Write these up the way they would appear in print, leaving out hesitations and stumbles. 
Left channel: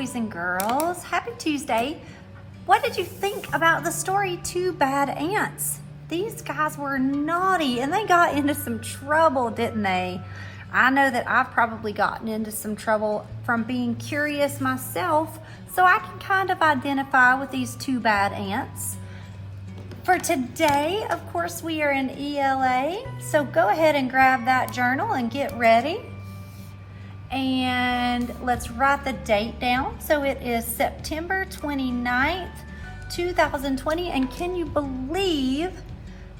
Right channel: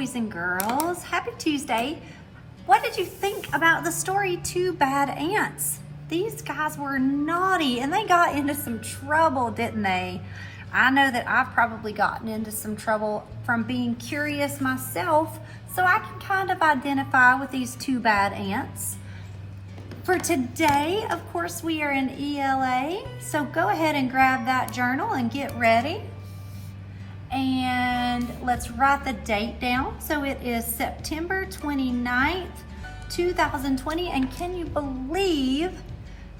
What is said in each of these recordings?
boys and girls. Happy Tuesday. What did you think about the story Two Bad Ants? These guys were naughty and they got into some trouble, didn't they? I know that I've probably gotten into some trouble from being curious myself, so I can kind of identify with these two bad ants. For today, of course, we are in ELA, so go ahead and grab that journal and get ready. And let's write the date down. So it is September 29th, 2020. And can you believe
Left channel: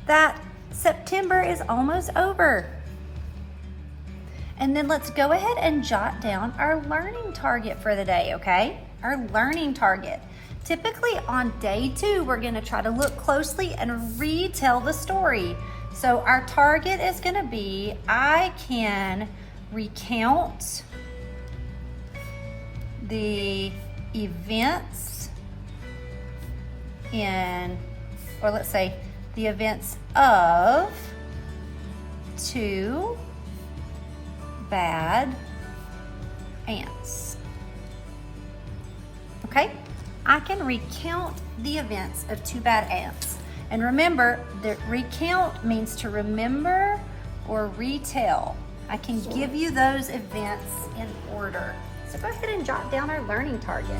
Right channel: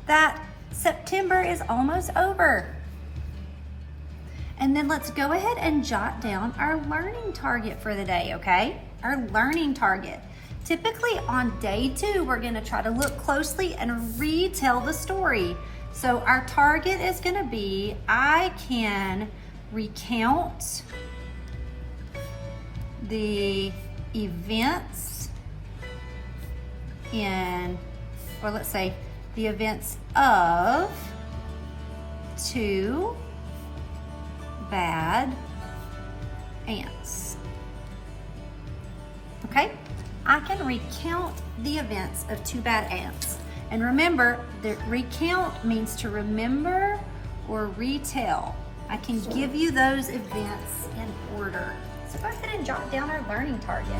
that September is almost over? And then let's go ahead and jot down our learning target for the day, okay? Our learning target. Typically on day 2, we're gonna try to look closely and retell the story. So our target is gonna be, I can recount the events or let's say the events of two bad ants. Okay, I can recount the events of two bad ants. And remember that recount means to remember or retell. I can give you those events in order. So go ahead and jot down our learning target.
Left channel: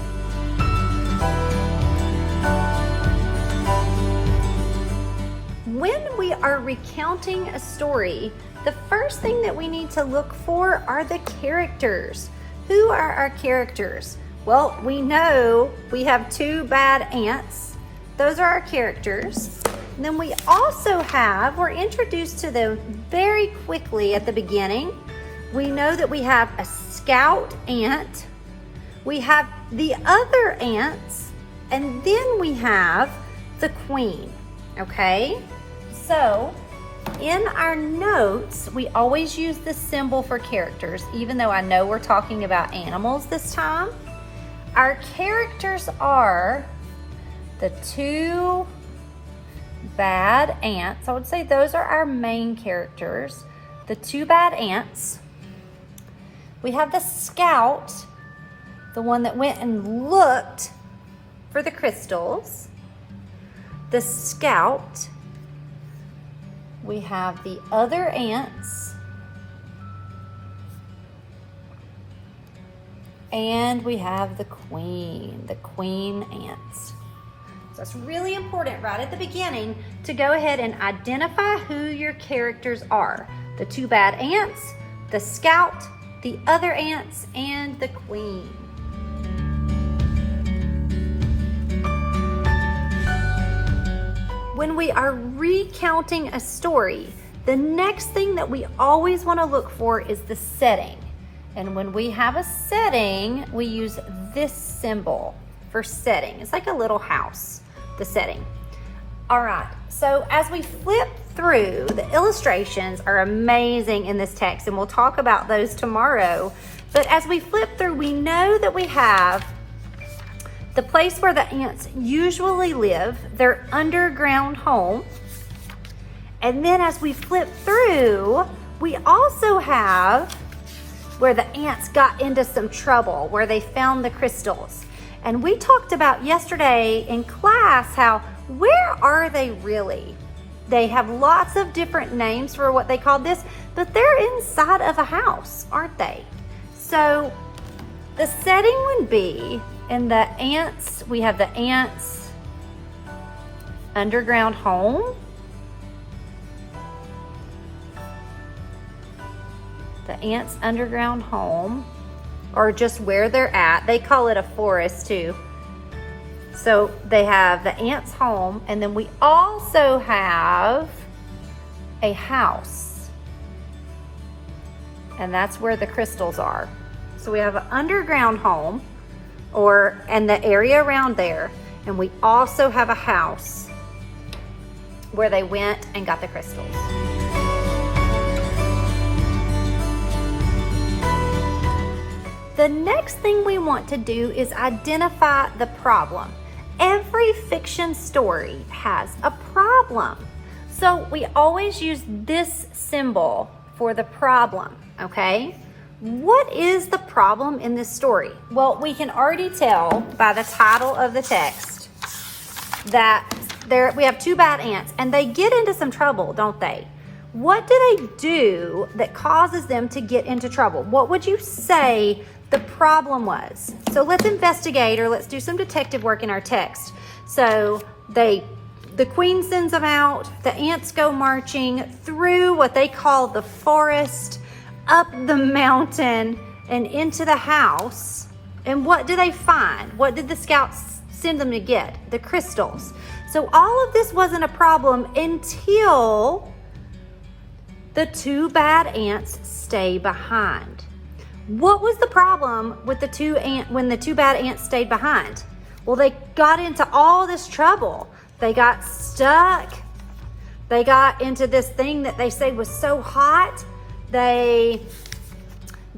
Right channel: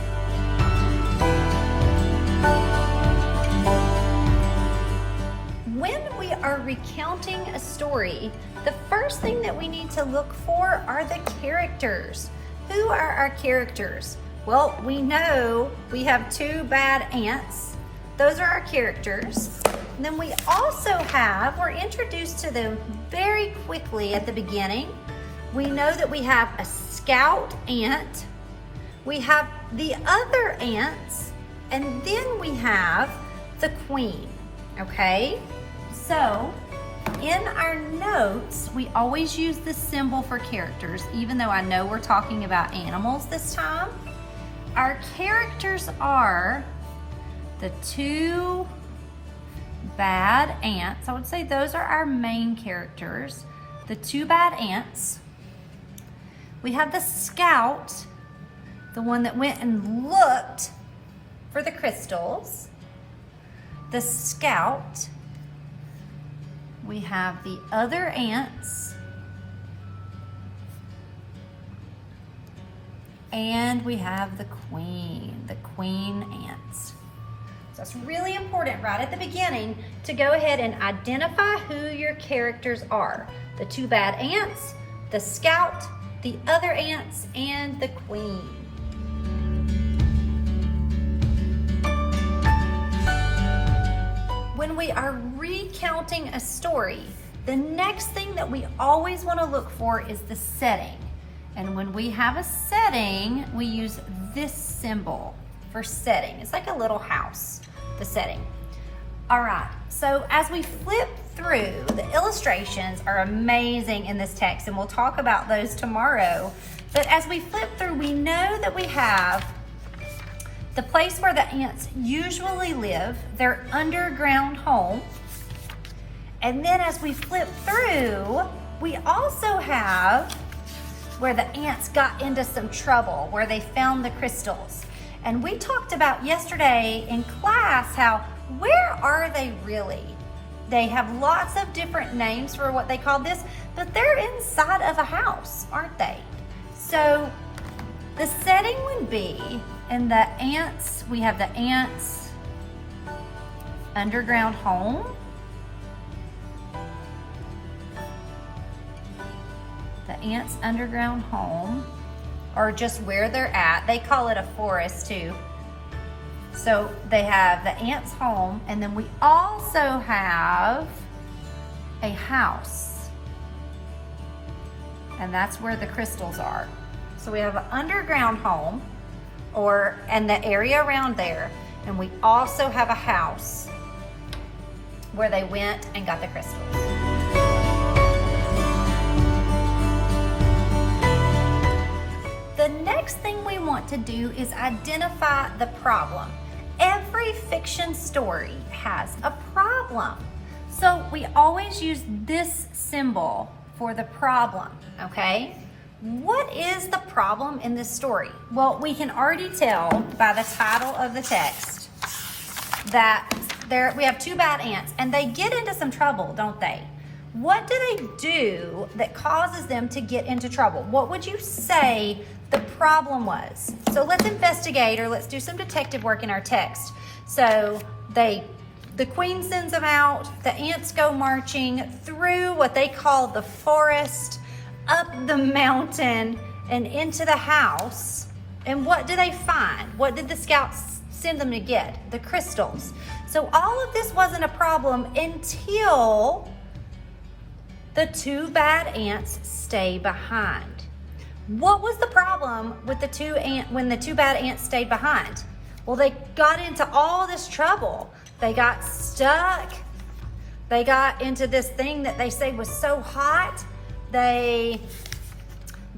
When we are recounting a story, the first thing that we need to look for are the characters. Who are our characters? Well, we know we have two bad ants. Those are our characters. And then we also have, we're introduced to them very quickly at the beginning. We know that we have a scout ant, we have the other ants, and then we have the queen, okay? So in our notes, we always use the symbol for characters, even though I know we're talking about animals this time. Our characters are the two bad ants. I would say those are our main characters. The two bad ants. We have the scout, the one that went and looked for the crystals. The scout. We have the other ants. And we have the queen ants. So it's really important right at the beginning to go ahead and identify who your characters are. The two bad ants, the scout, the other ants, and the queen. When we are recounting a story, the next thing that we always want to look for is the setting. And when we have a setting, we use this symbol for setting. It's like a little house, the setting. All right, so as we flip through, the illustrations are amazing in this text, and we'll talk about those tomorrow. But as we flip through, we know that we have the place where the ants usually live, their underground home. And then as we flip through, we also have where the ants got into some trouble, where they found the crystals. And we talked about yesterday in class how, where are they really? They have lots of different names for what they call this, but they're inside of a house, aren't they? So the setting would be in the ants, we have the ants' underground home. The ants' underground home, or just where they're at. They call it a forest too. So they have the ants' home, and then we also have a house. And that's where the crystals are. So we have an underground home, and the area around there, and we also have a house where they went and got the crystals. The next thing we want to do is identify the problem. Every fiction story has a problem. So we always use this symbol for the problem, okay? What is the problem in this story? Well, we can already tell by the title of the text that we have two bad ants and they get into some trouble, don't they? What do they do that causes them to get into trouble? What would you say the problem was? So let's investigate, or let's do some detective work in our text. So the queen sends them out, the ants go marching through what they call the forest, up the mountain, and into the house. And what do they find? What did the scouts send them to get? The crystals. So all of this wasn't a problem until the two bad ants stay behind. What was the problem with when the two bad ants stayed behind? Well, they got into all this trouble. They got stuck. They got into this thing that they say was so hot. They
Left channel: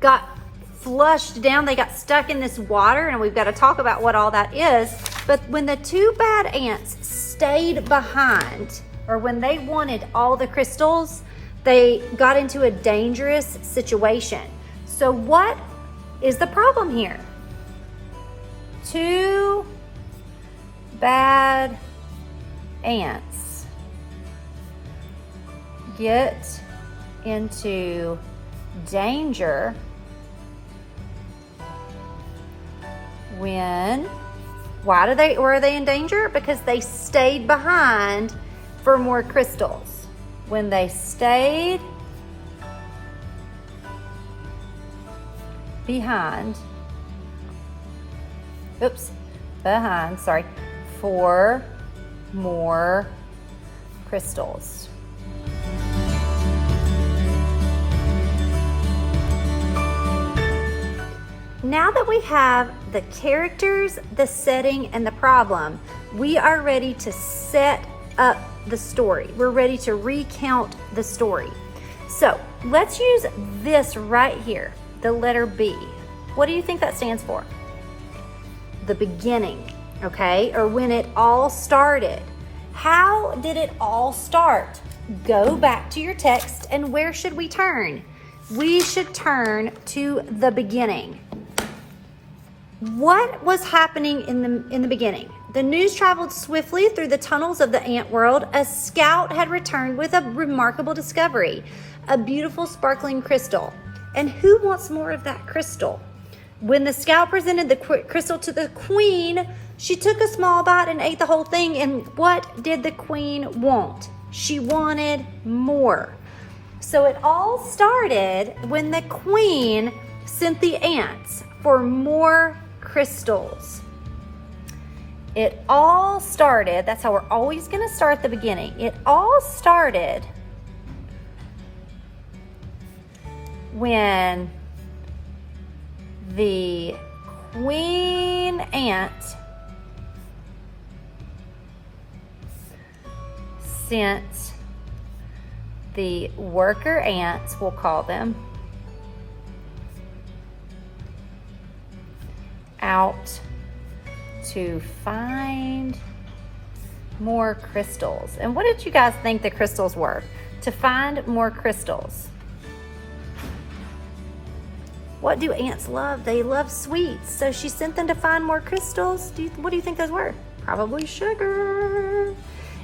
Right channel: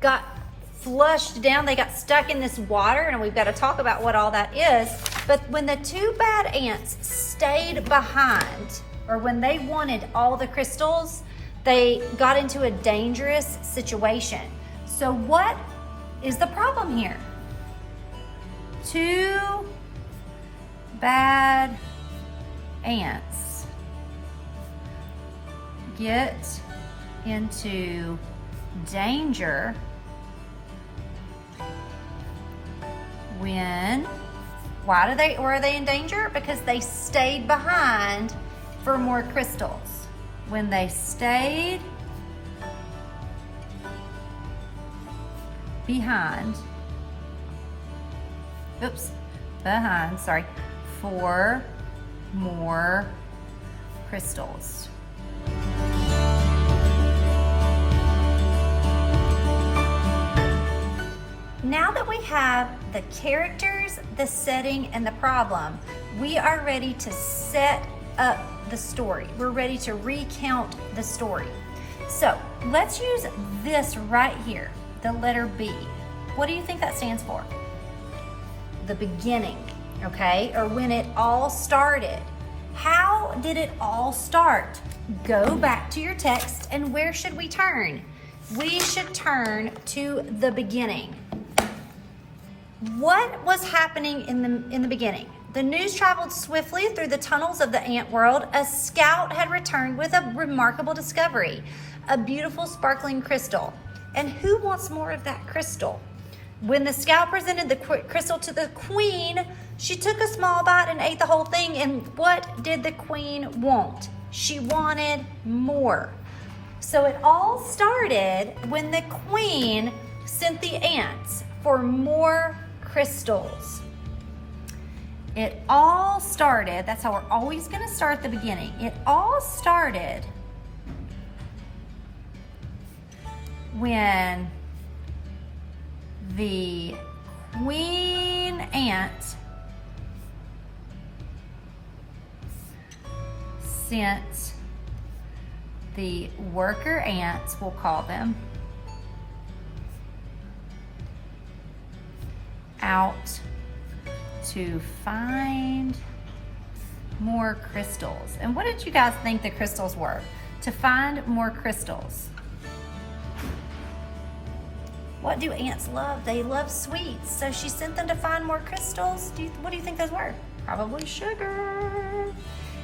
got flushed down. They got stuck in this water, and we've got to talk about what all that is. But when the two bad ants stayed behind, or when they wanted all the crystals, they got into a dangerous situation. So what is the problem here? Two bad ants get into danger when, were they in danger? Because they stayed behind for more crystals. When they stayed behind, for more crystals. Now that we have the characters, the setting, and the problem, we are ready to set up the story. We're ready to recount the story. So let's use this right here, the letter B. What do you think that stands for? The beginning, okay? Or when it all started. How did it all start? Go back to your text, and where should we turn? We should turn to the beginning. What was happening in the beginning? The news traveled swiftly through the tunnels of the ant world. A scout had returned with a remarkable discovery, a beautiful sparkling crystal. And who wants more of that crystal? When the scout presented the crystal to the queen, she took a small bite and ate the whole thing. And what did the queen want? She wanted more. So it all started when the queen sent the ants for more crystals. It all started, that's how we're always going to start the beginning. It all started when the queen ant sent the worker ants, we'll call them, out to find more crystals. And what did you guys think the crystals were? To find more crystals. What do ants love? They love sweets. So she sent them to find more crystals. What do you think those were? Probably sugar.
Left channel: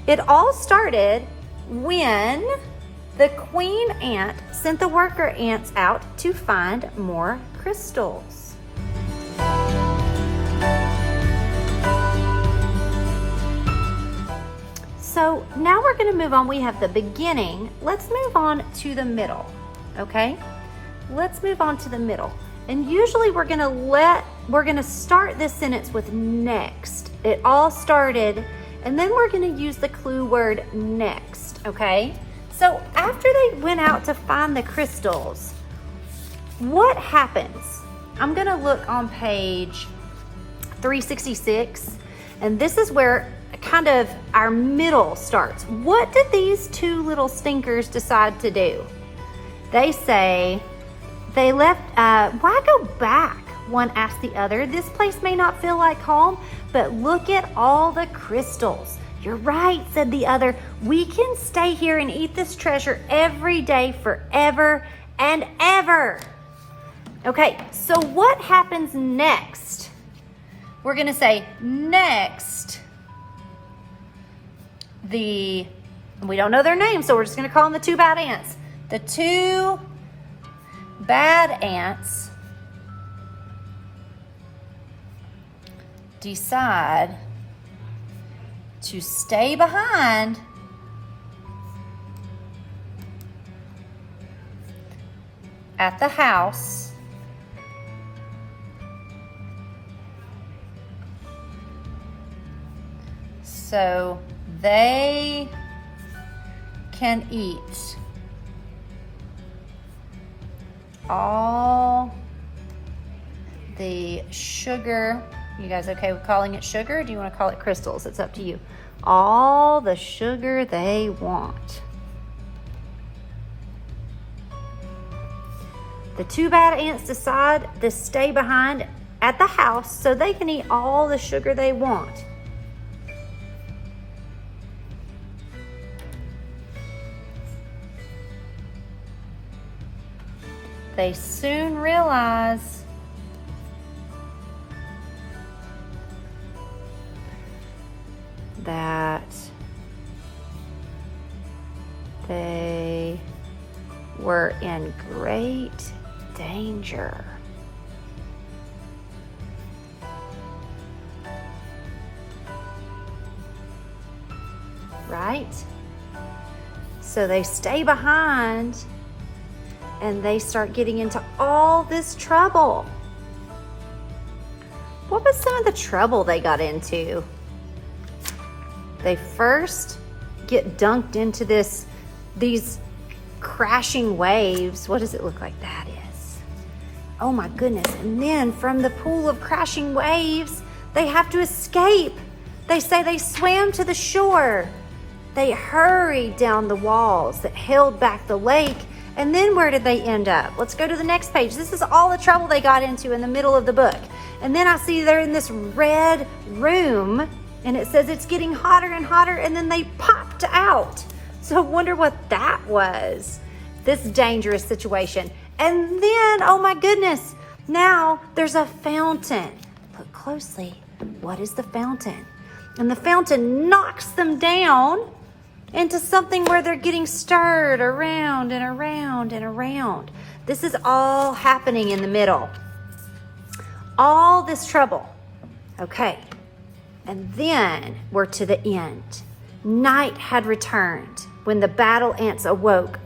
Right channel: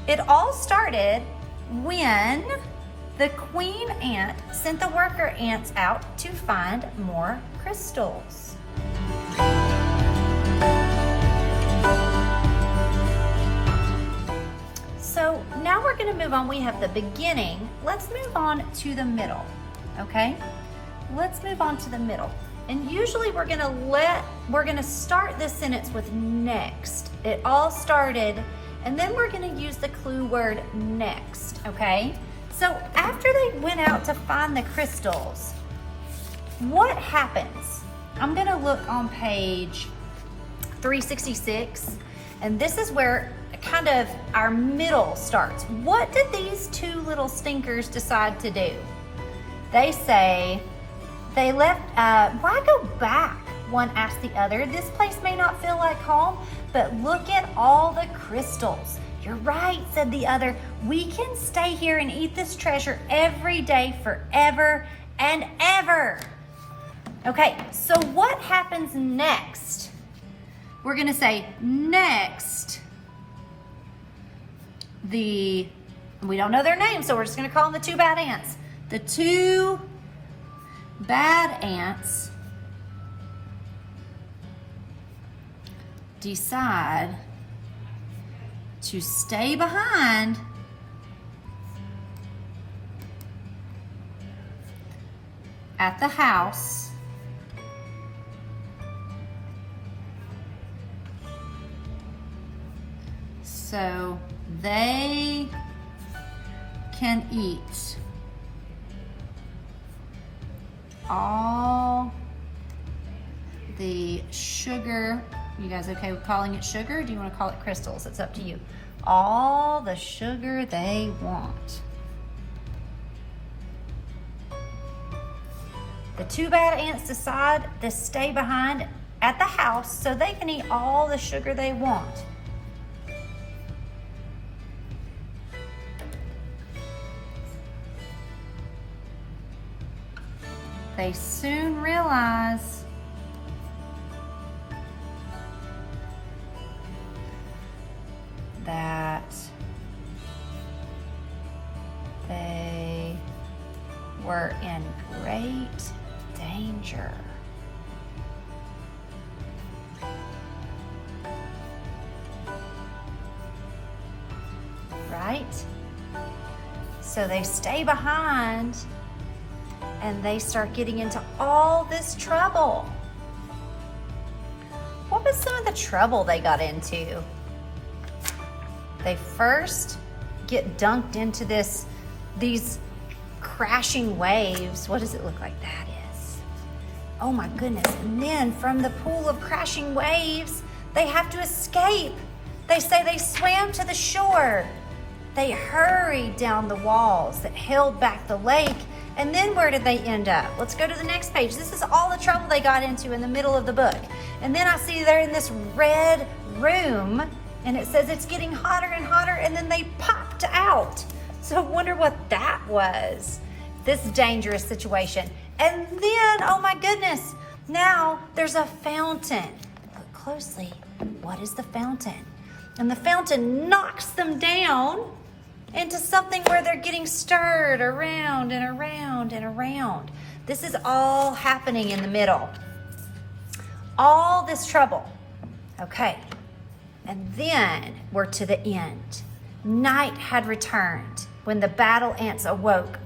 It all started when the queen ant sent the worker ants out to find more crystals. So now we're going to move on. We have the beginning. Let's move on to the middle, okay? Let's move on to the middle. And usually we're going to start this sentence with next. It all started, and then we're going to use the clue word next, okay? So after they went out to find the crystals, what happens? I'm going to look on page 366, and this is where kind of our middle starts. What did these two little stinkers decide to do? They say they left, why go back? One asked the other. This place may not feel like home, but look at all the crystals. You're right, said the other. We can stay here and eat this treasure every day forever and ever. Okay, so what happens next? We're gonna say next, we don't know their names, so we're just gonna call them the two bad ants. The two bad ants decide to stay behind at the house so they can eat all the sugar. You guys okay with calling it sugar? Or do you want to call it crystals? It's up to you. All the sugar they want. The two bad ants decide to stay behind at the house so they can eat all the sugar they want. They soon realize that they were in great danger. Right? So they stay behind and they start getting into all this trouble. What was some of the trouble they got into? They first get dunked into these crashing waves. What does it look like that is? Oh my goodness. And then from the pool of crashing waves, they have to escape. They say they swam to the shore. They hurried down the walls that held back the lake. And then where did they end up? Let's go to the next page. This is all the trouble they got into in the middle of the book. And then I see they're in this red room and it says it's getting hotter and hotter, and then they popped out. So I wonder what that was, this dangerous situation. And then, oh my goodness, now there's a fountain. Look closely. What is the fountain? And the fountain knocks them down into something where they're getting stirred around and around and around. This is all happening in the middle. All this trouble. Okay. And then we're to the end. Night had returned when the battle ants awoke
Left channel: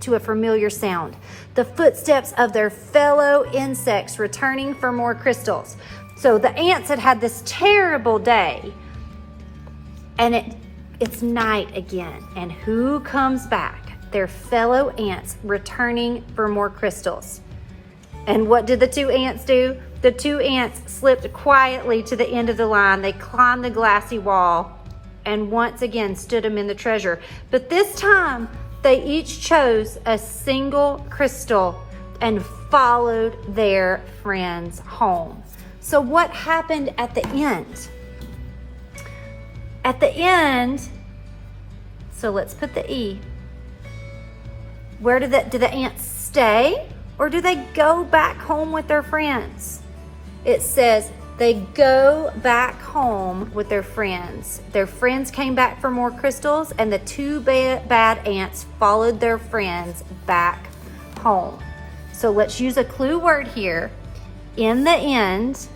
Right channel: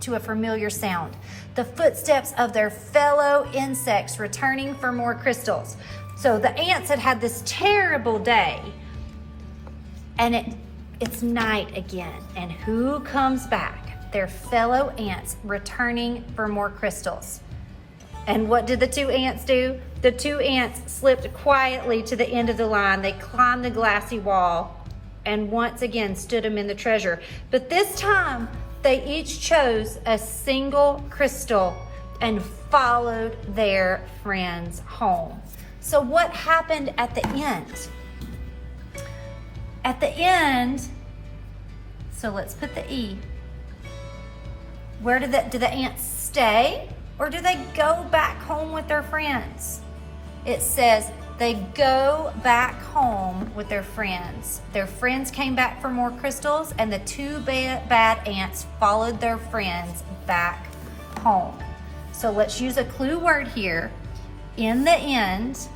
to a familiar sound. The footsteps of their fellow insects returning for more crystals. So the ants had had this terrible day, and it's night again. And who comes back? Their fellow ants returning for more crystals. And what did the two ants do? The two ants slipped quietly to the end of the line. They climbed the glassy wall and once again stood them in the treasure. But this time, they each chose a single crystal and followed their friends home. So what happened at the end? At the end, so let's put the E. Where do the ants stay, or do they go back home with their friends? It says they go back home with their friends. Their friends came back for more crystals, and the two bad ants followed their friends back home. So let's use a clue word here. In the end,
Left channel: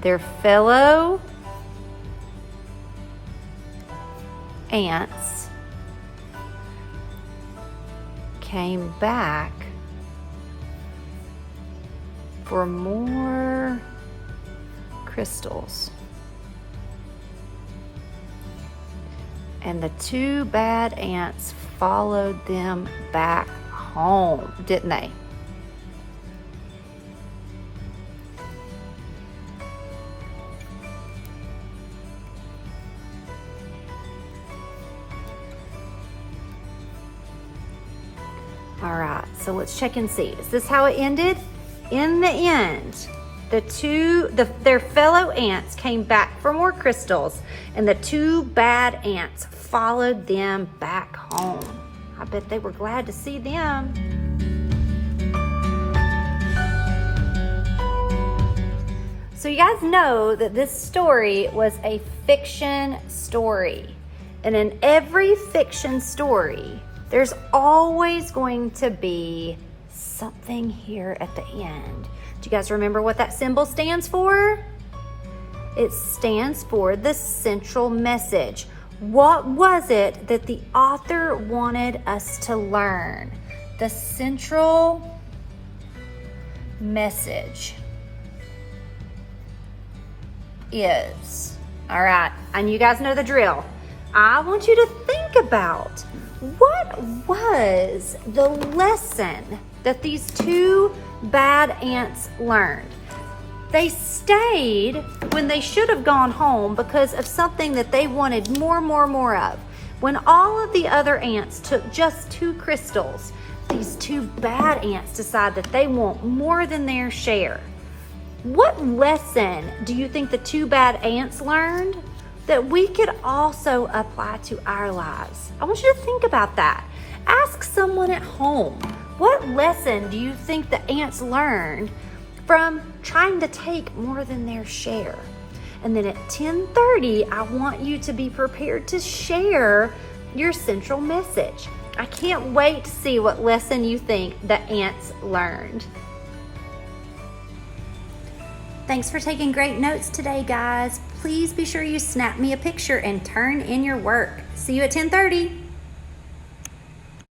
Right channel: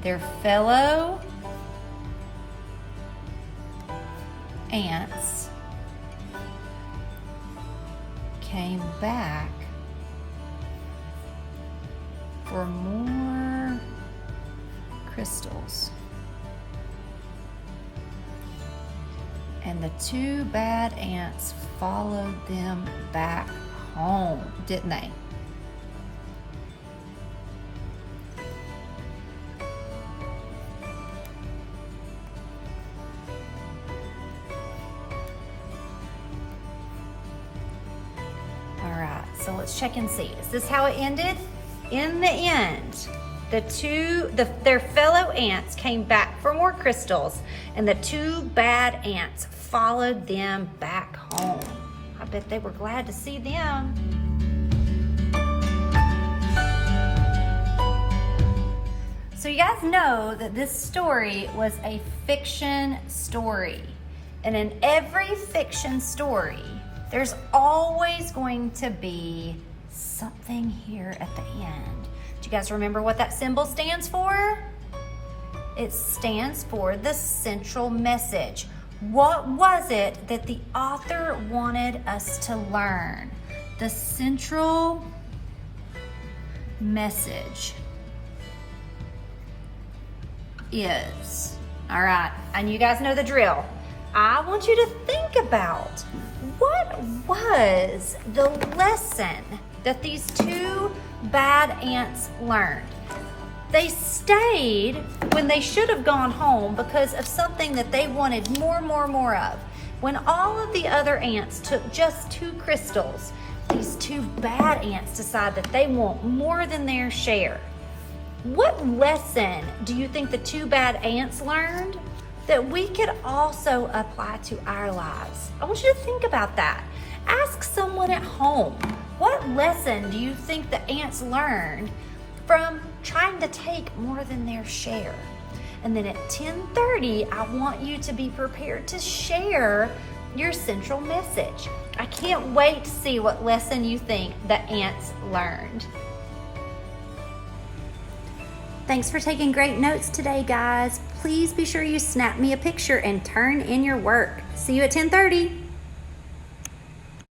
their fellow ants came back for more crystals. And the two bad ants followed them back home, didn't they? All right, so let's check and see. Is this how it ended? In the end, their fellow ants came back for more crystals, and the two bad ants followed them back home. I bet they were glad to see them. So you guys know that this story was a fiction story. And in every fiction story, there's always going to be something here at the end. Do you guys remember what that symbol stands for? It stands for the central message. What was it that the author wanted us to learn? The central message is, all right, and you guys know the drill. I want you to think about what was the lesson that these two bad ants learned. They stayed when they should have gone home because of something that they wanted more of. When all of the other ants took just 2 crystals, these two bad ants decide that they want more than their share. What lesson do you think the 2 bad ants learned that we could also apply to our lives? I want you to think about that. Ask someone at home, what lesson do you think the ants learned from trying to take more than their share? And then at 10:30, I want you to be prepared to share your central message. I can't wait to see what lesson you think the ants learned. Thanks for taking great notes today, guys. Please be sure you snap me a picture and turn in your work. See you at 10:30.